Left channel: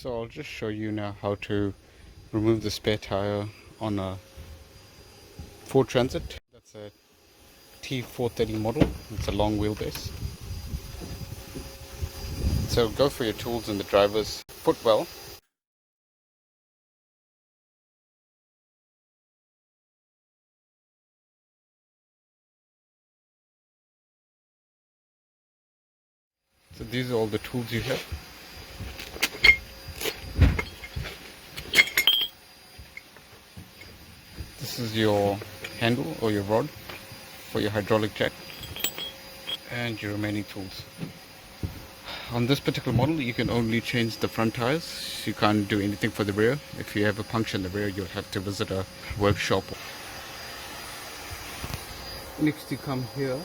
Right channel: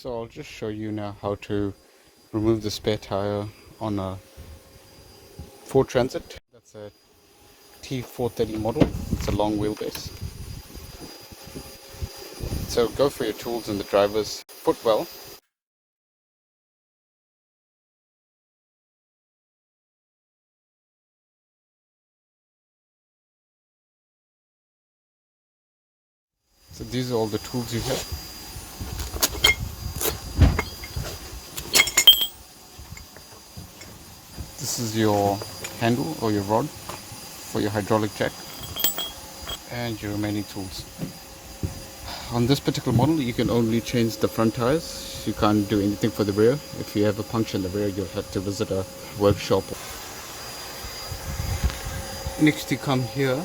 So I'll just show you now how to remove the spare tire on a Ford Transit. That's a T430 model. It's a long wheelbase. So go for your tools in the driver's footwell. So these are all the tools you have. This is your handle or your rod for your hydraulic jack and your remaining tools. On this particular model you can only change the front tires. You can't do anything for the rear. If you have a puncture in the rear, you'll have to visit a workshop. Next you come here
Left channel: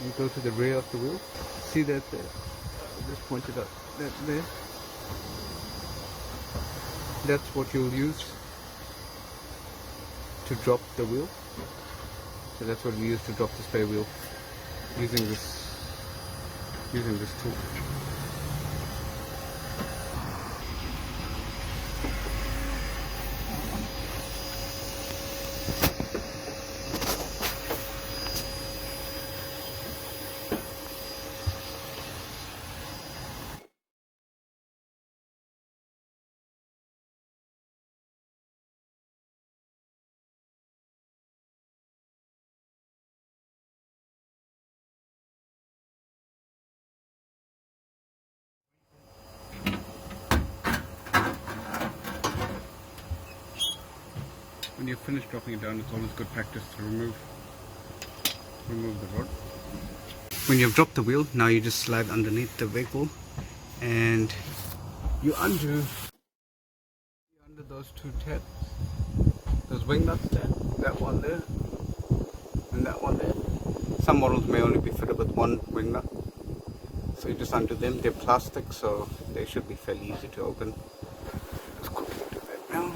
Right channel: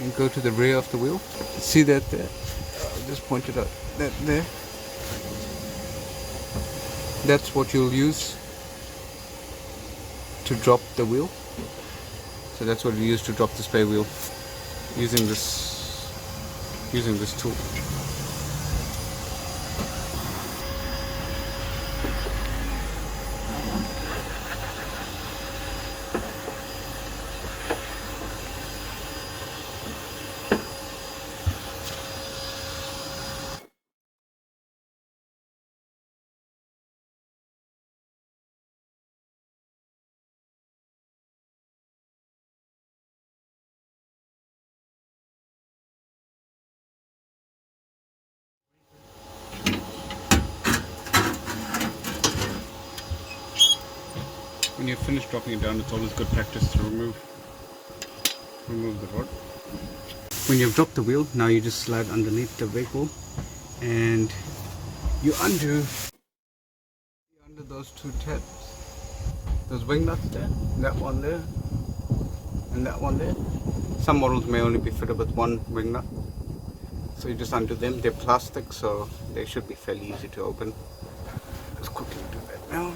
and go to the rear of the wheel. See that there? I just pointed out that there. That's what you'll use to drop the wheel. So that's what you use to drop the spare wheel using this tool. When you're finished dropping it down, it's always good practice to remove the rod. When you've dropped the wheel, now you just slide underneath the vehicle and you undo those two tabs, those wing nuts there, that one there and that one there. Some models may only be fitted with one wing nut, so you just undo them. They're plastic, so they should be fairly easy to open. Let's quickly do that now.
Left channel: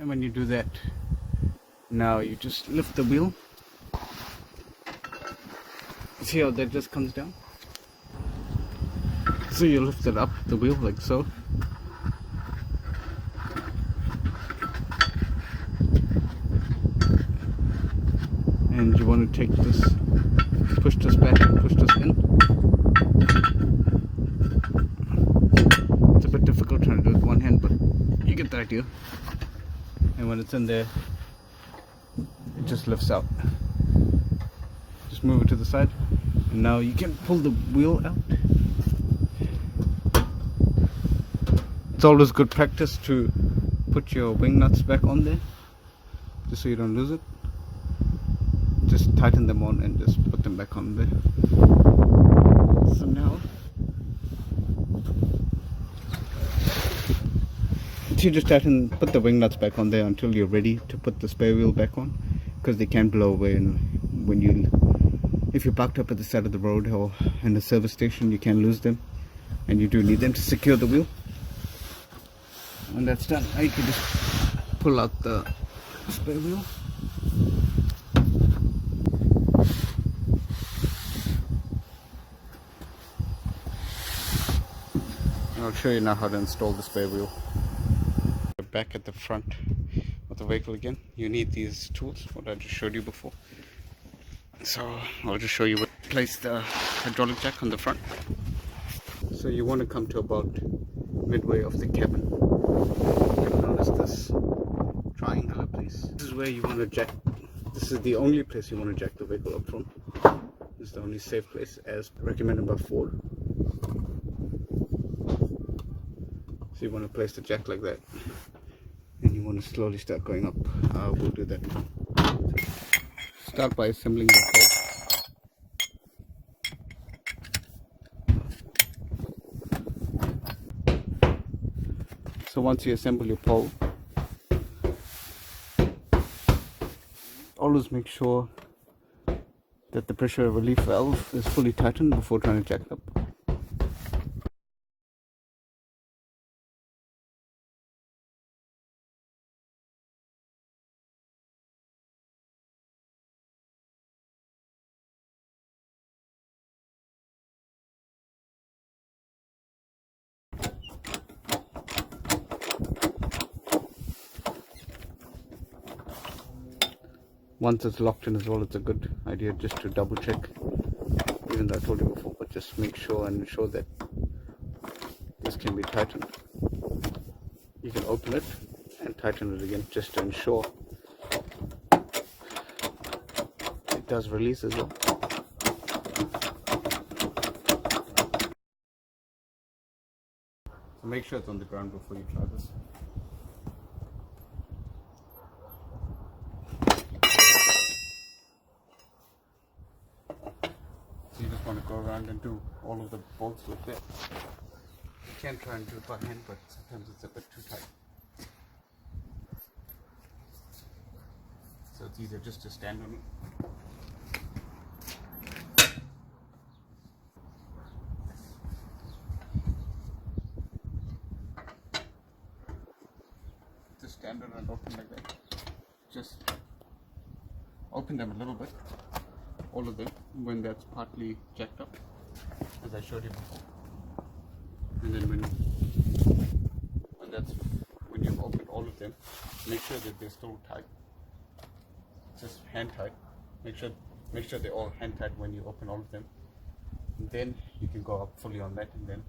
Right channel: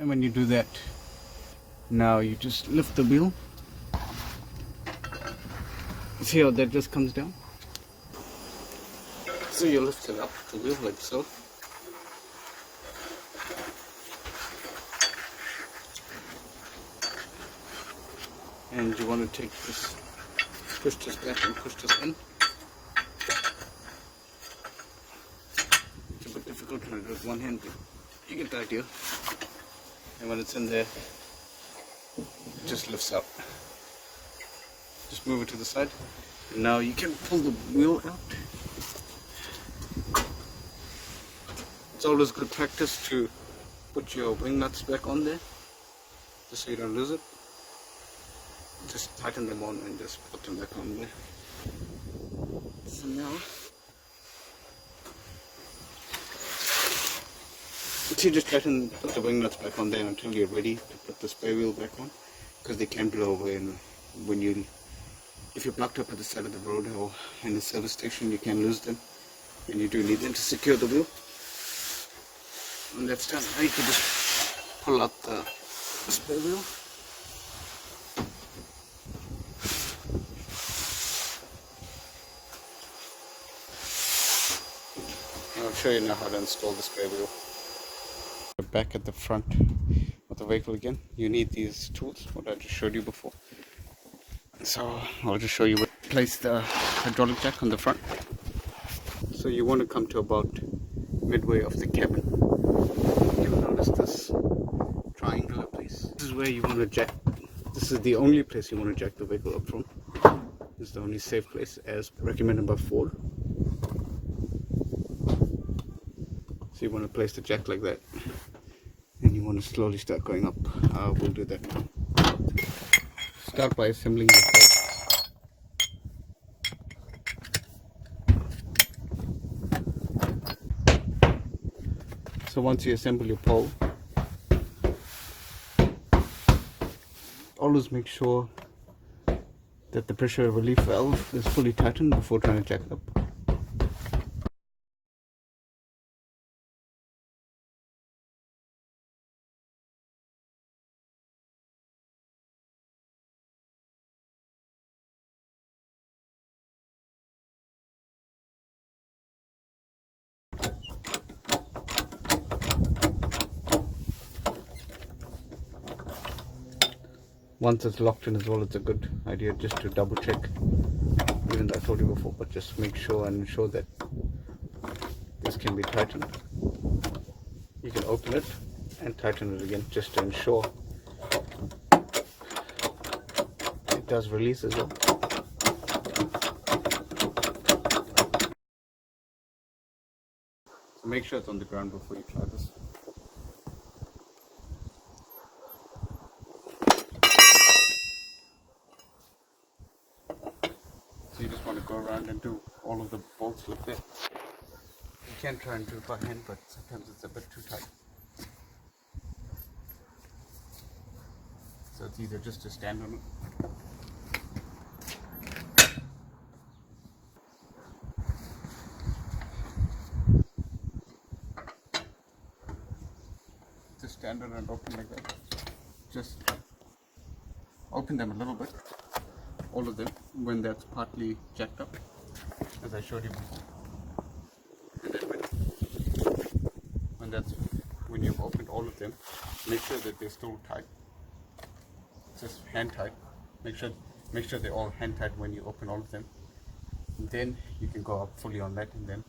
And when you do that, now you just lift the wheel. See how that just comes down? So you lift it up the wheel like so. And you want to take this, push this back and push this in. It's a bit difficult trying to do it with one hand, but you get the idea. And when it's in there, it just lifts out. Just move it to the side, and now you can pull the wheel out. It's always good practice to put your wing nuts back on there, just so you don't lose it. Just tighten them on and just put them back on there. So now, you just put the wing nuts back on there until you're ready to put the spare wheel back on, because they can blow away, and if you're parked up at the side of the road or in the service station, you can lose them, and you do need them to secure the wheel. When that's done, now you can just pull out the spare wheel. I'll show you now how to install the spare wheel. Back at the front of the vehicle again, you need these tools, what I just showed you before. So I'll just show you where to place the hydraulic jack on the front. So you want to come to about midway of the cabin. You'll notice this triangular place. This is where you want to jack. This is the only place you want to jack the vehicle up from. This is the only safe place as recommended by Ford. So you want to place the jack like that, and you want to slowly start going up. We'll do that now. Start by assembling the pole. So once you assemble your pole, always make sure that the pressure relief valve is fully tightened before trying to jack it up. Once it's locked in as well, it's a good idea just to double check, even though I told you before, but just make sure and ensure that this can be tightened. You can open it and tighten it again just to ensure it does release as well. So make sure it's on the ground before you try this. So you just want to go around and do all of the bolts with it. You can try and do it by hand, but sometimes it's a bit too tight. So it's easier just to stand on it. Just stand on it and open like that. Just open them a little bit, all of them, when that's partly jacked up, as I showed you before. And then when you've opened all of them, make sure that they're still tight. Just hand tight. Make sure they're all hand tight when you open all of them. And then you can go up fully on that, and then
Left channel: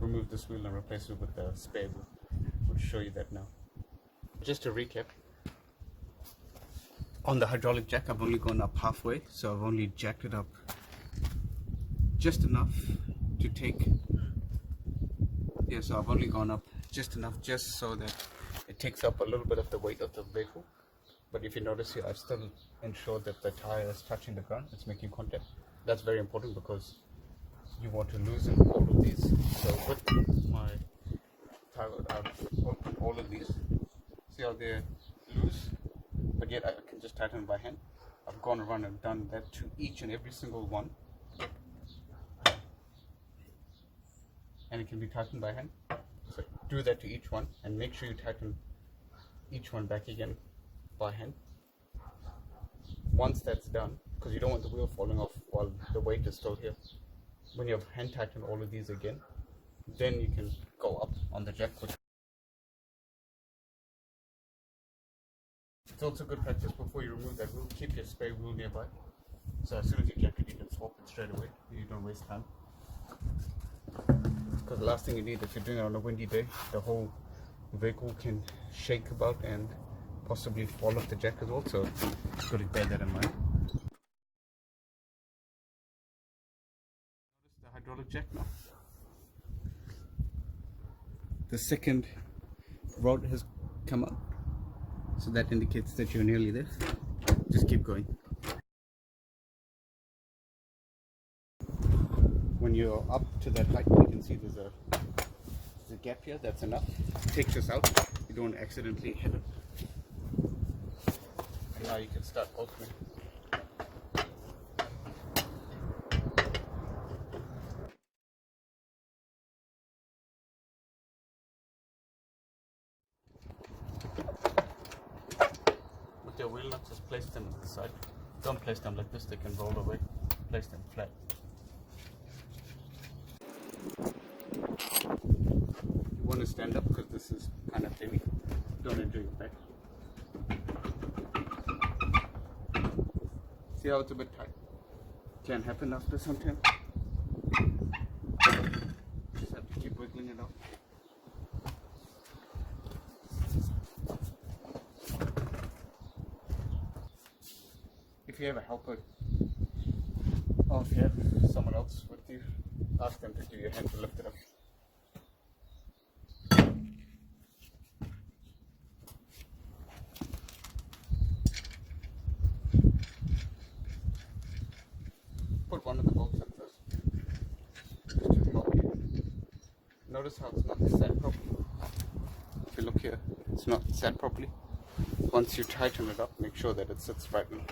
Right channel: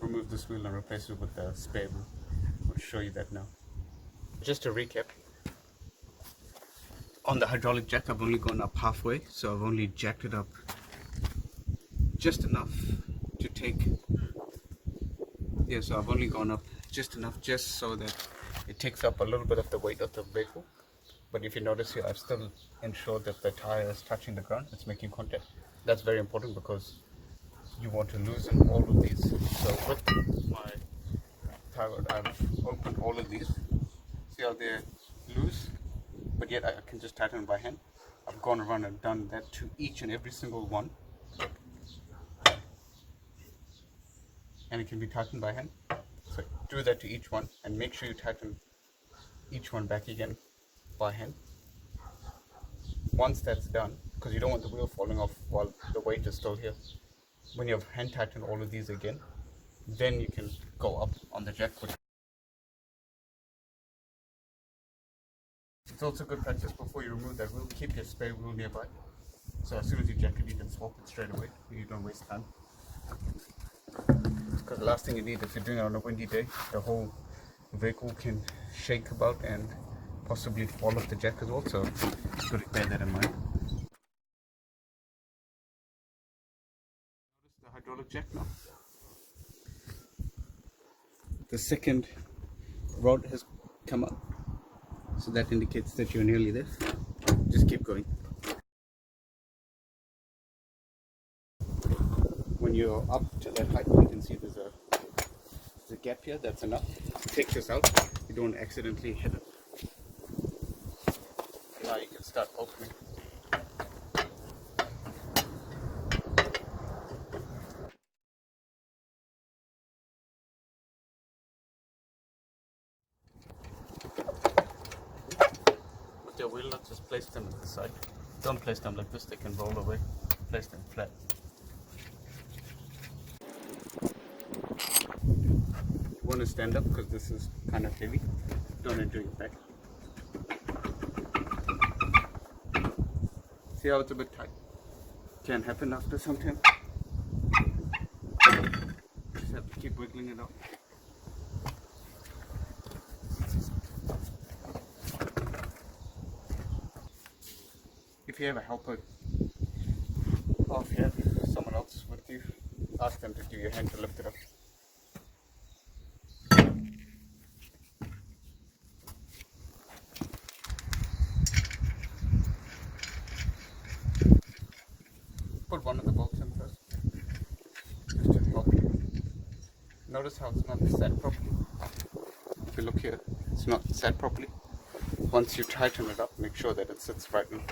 remove this wheel and replace it with the spare wheel. I'll show you that now. Just to recap, on the hydraulic jack I've only gone up halfway, so I've only jacked it up just enough to take, so I've only gone up just enough just so that it takes up a little bit of the weight of the vehicle. But if you notice here, I've still ensured that the tire is touching the ground, it's making contact. That's very important because you want to loosen all of these. So with my tire rod, I've opened all of these. See how they're loose, but yet I can just tighten by hand. I've gone around and done that to each and every single one, and it can be tightened by hand. So do that to each one, and make sure you tighten each one back again by hand. Once that's done, because you don't want the wheel falling off while the weight is still here, when you have hand tightened all of these again, then you can go up on the jack. It's also good practice before you remove that wheel, keep your spare wheel nearby. So as soon as you jack it, you can swap it straight away. You don't waste time. Because the last thing you need, if you're doing it on a windy day, the whole vehicle can shake about and possibly fall off the jack as well. So it's good to bear that in mind. Notice the hydraulic jack now. The second rod has come up. So that indicates that you're nearly there. Just keep going. When you're up to that height, you can see there's a gap here. That's enough. Take this out. You don't accidentally hit it. Now you can start opening. With your wheel nuts, just place them at the side. Don't place them like this, they can roll away. Place them flat. You want to stand up because this is kind of heavy. Don't injure your back. See how it's a bit tight? Can happen after some time. Just have to keep wiggling it out. If you have a helper, or if you have someone else with you, ask them to give you a hand to lift it up. Put one of the bolts in first, just to help you. Notice how it's not set properly. If you look here, it's not set properly. Once you tighten it up, make sure that it sits right in.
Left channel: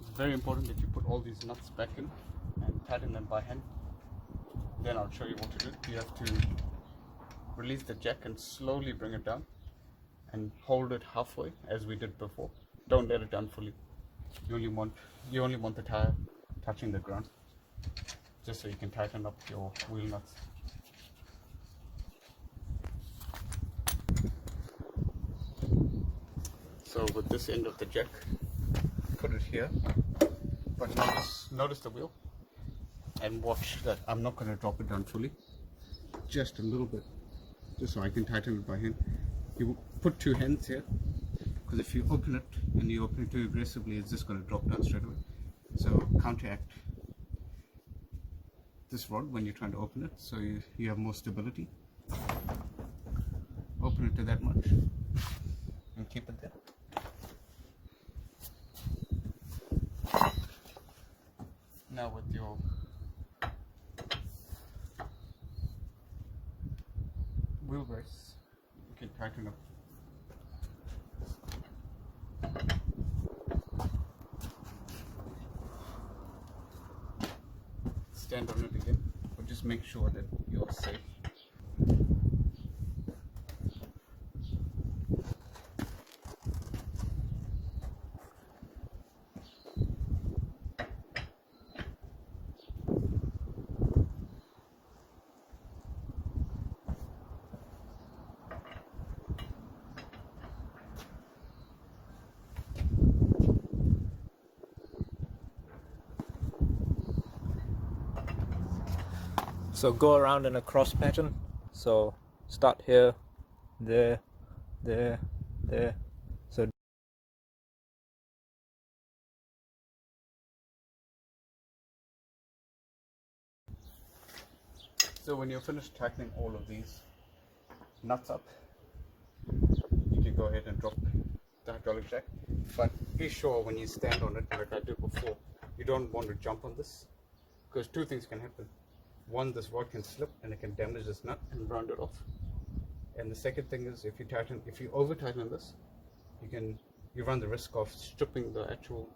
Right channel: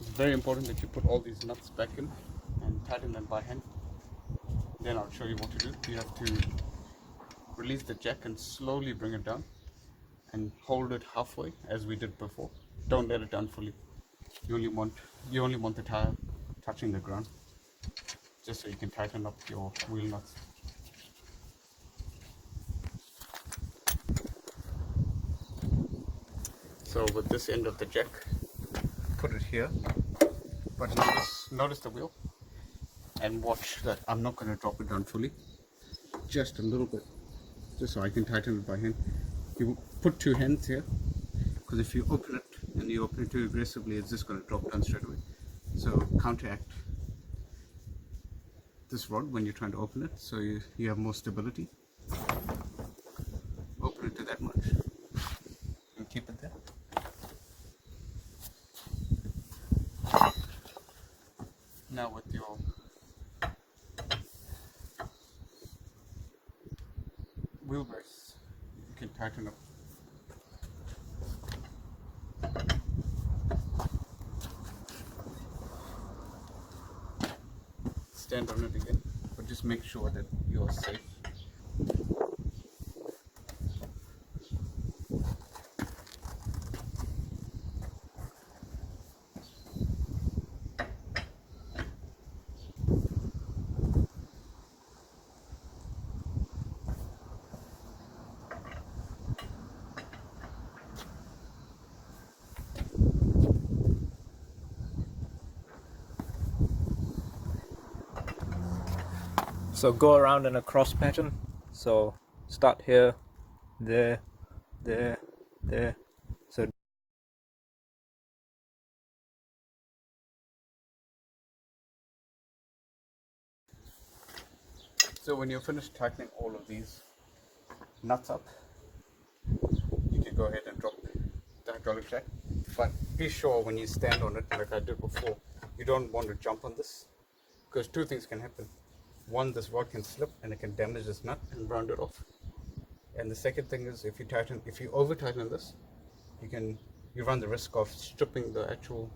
It's very important that you put all these nuts back in and tighten them by hand. Then I'll show you what to do. You have to release the jack and slowly bring it down and hold it halfway as we did before. Don't let it down fully. You only want the tire touching the ground, just so you can tighten up your wheel nuts. So with this end of the jack, put it here, but notice the wheel, and watch that I'm not going to drop it down fully, just a little bit, just so I can tighten it by hand. You put two hands here, because if you open it and you open it too aggressively, it's just going to drop down straight away. So counteract this rod when you're trying to open it, so you have more stability. Open it to that much and keep it there. Now with your wheel brace, you can tighten up. Stand on it again, but just make sure that you are safe. So go around in a cross pattern. So start here, there, there, there. So when you're finished tightening all of these nuts up, you can go ahead and drop the hydraulic jack. But be sure when you stand on it, like I did before, you don't want to jump on this, because two things can happen. One, this rod can slip and it can damage this nut and round it off. And the second thing is, if you over tighten this, you run the risk of stripping the actual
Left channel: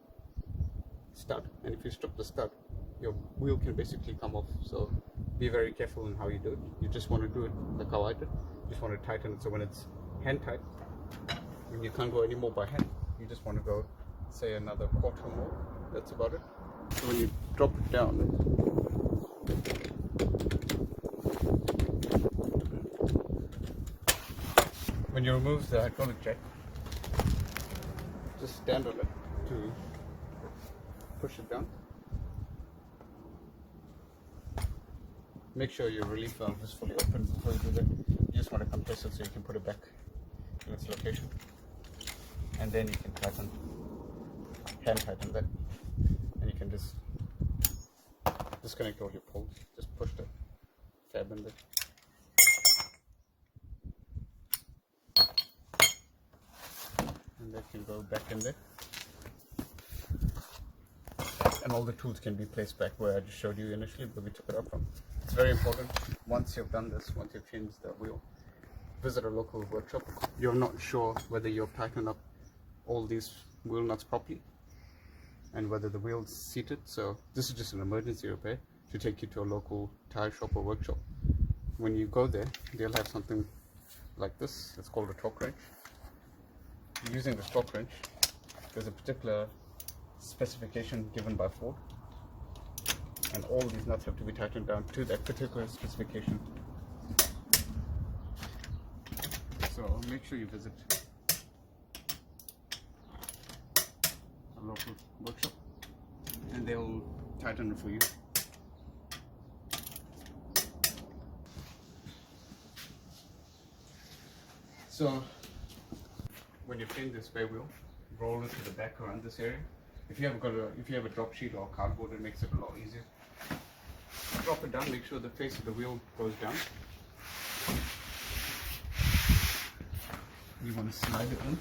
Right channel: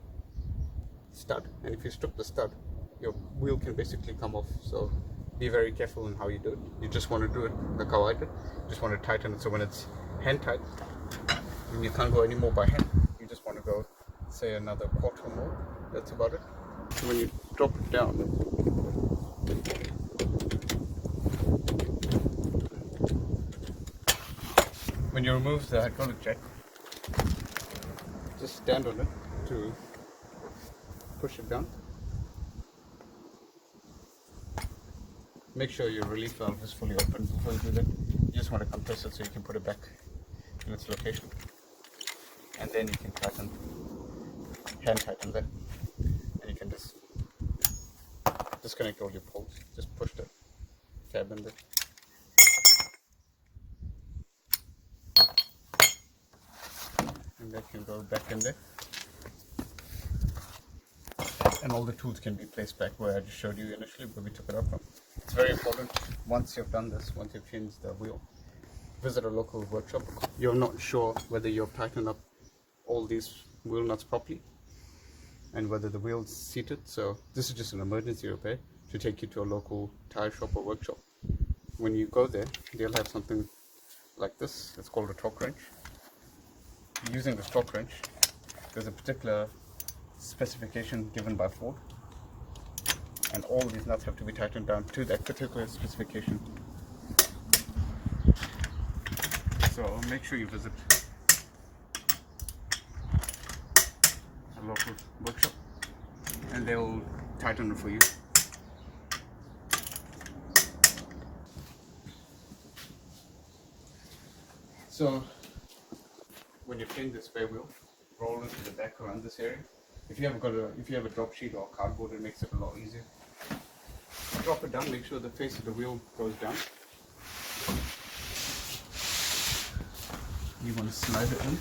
stud. And if you strip the stud, your wheel can basically come off. So be very careful in how you do it. You just want to do it like how I did. You just want to tighten it so when it's hand tight, and you can't go any more by hand. You just want to go, say, another quarter more. That's about it. So when you drop it down, when you remove the hydraulic jack, just stand on it to push it down. Make sure your relief valve is fully open before you do that. You just want to compress it so you can put it back in its location. And then you can hand tighten that. And you can just disconnect all your poles. Just push the tab in there. And that can go back in there. And all the tools can be placed back where I just showed you initially, where we took it up from. It's very important, once you've done this, once you've changed the wheel, visit a local workshop. You're not sure whether you've tightened up all these wheel nuts properly and whether the wheel's seated. So this is just an emergency repair to take you to a local tire shop or workshop. When you go there, they'll have something like this. It's called a torque wrench. Using this torque wrench, there's a particular specification given by Ford, and all these nuts have to be tightened down to that particular specification. So make sure you visit a local workshop and they'll tighten it for you. So when you're playing the spare wheel, roll into the back around this area. If you have a drop sheet or cardboard, it makes it a lot easier. Drop it down, make sure the face of the wheel goes down. You want to slide it in.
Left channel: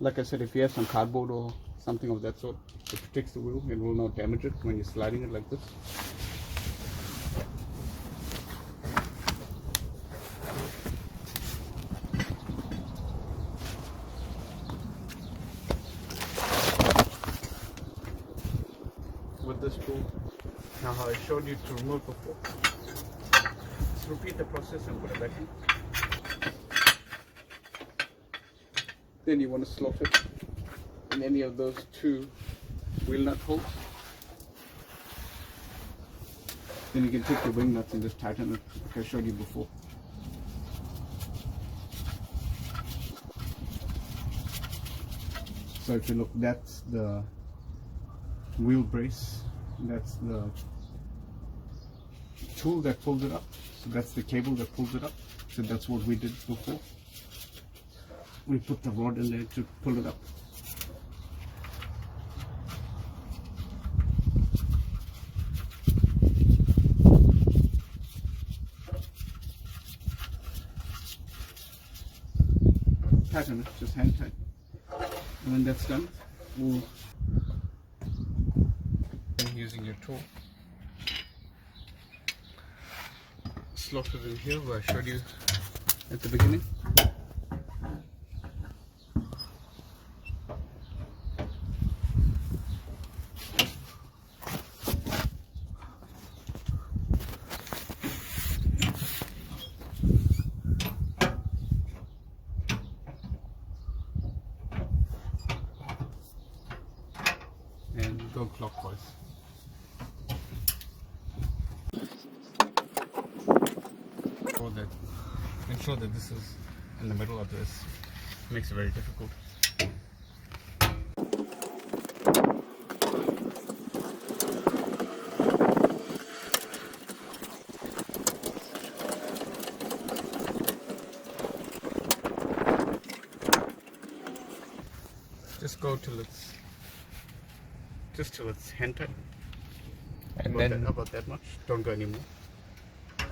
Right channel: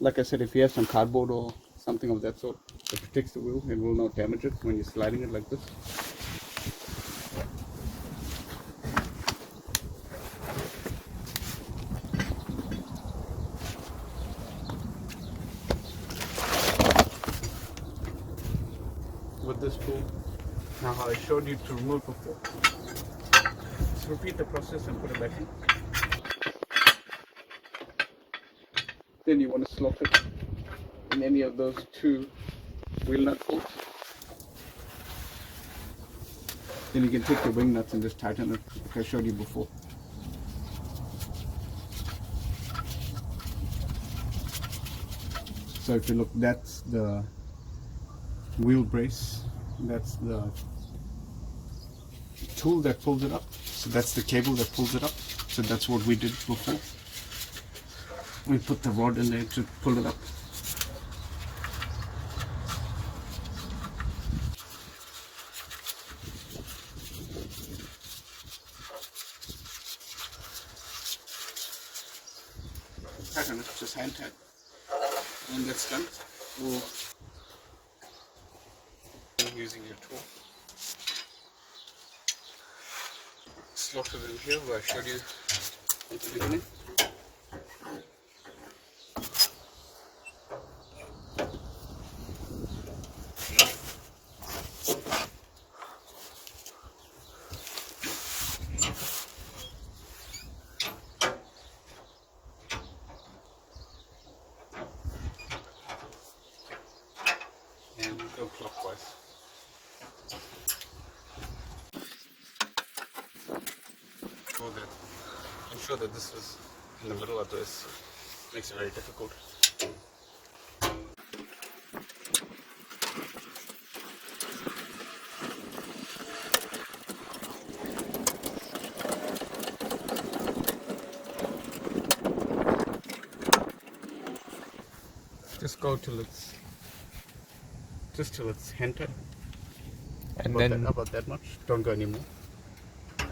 Like I said, if you have some cardboard or something of that sort, it protects the wheel and will not damage it when you're sliding it like this. With this tool, now how I showed you to remove before, just repeat the process and put it back in. Then you want to slot it in any of those two wheel nut holes, then you can take your wing nuts and just tighten it, like I showed you before. So if you look, that's the wheel brace, that's the tool that pulls it up, so that's the cable that pulls it up. So that's what we did before. We put the rod in there to pull it up. Tighten it, just hand tight. And when that's done, we'll, using your tool, slot it in here where I showed you at the beginning. And go clockwise. Ensure that this is in the middle, otherwise it makes it very difficult. Just go till it's hand tight. And about then about that much. Don't go anymore.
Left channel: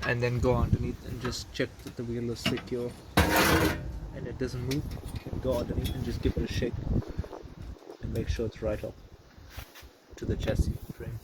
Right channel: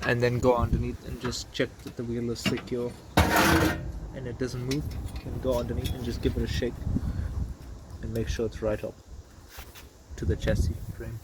and then go underneath and just check that the wheel is secure and it doesn't move. And go underneath and just give it a shake and make sure it's right up to the chassis frame.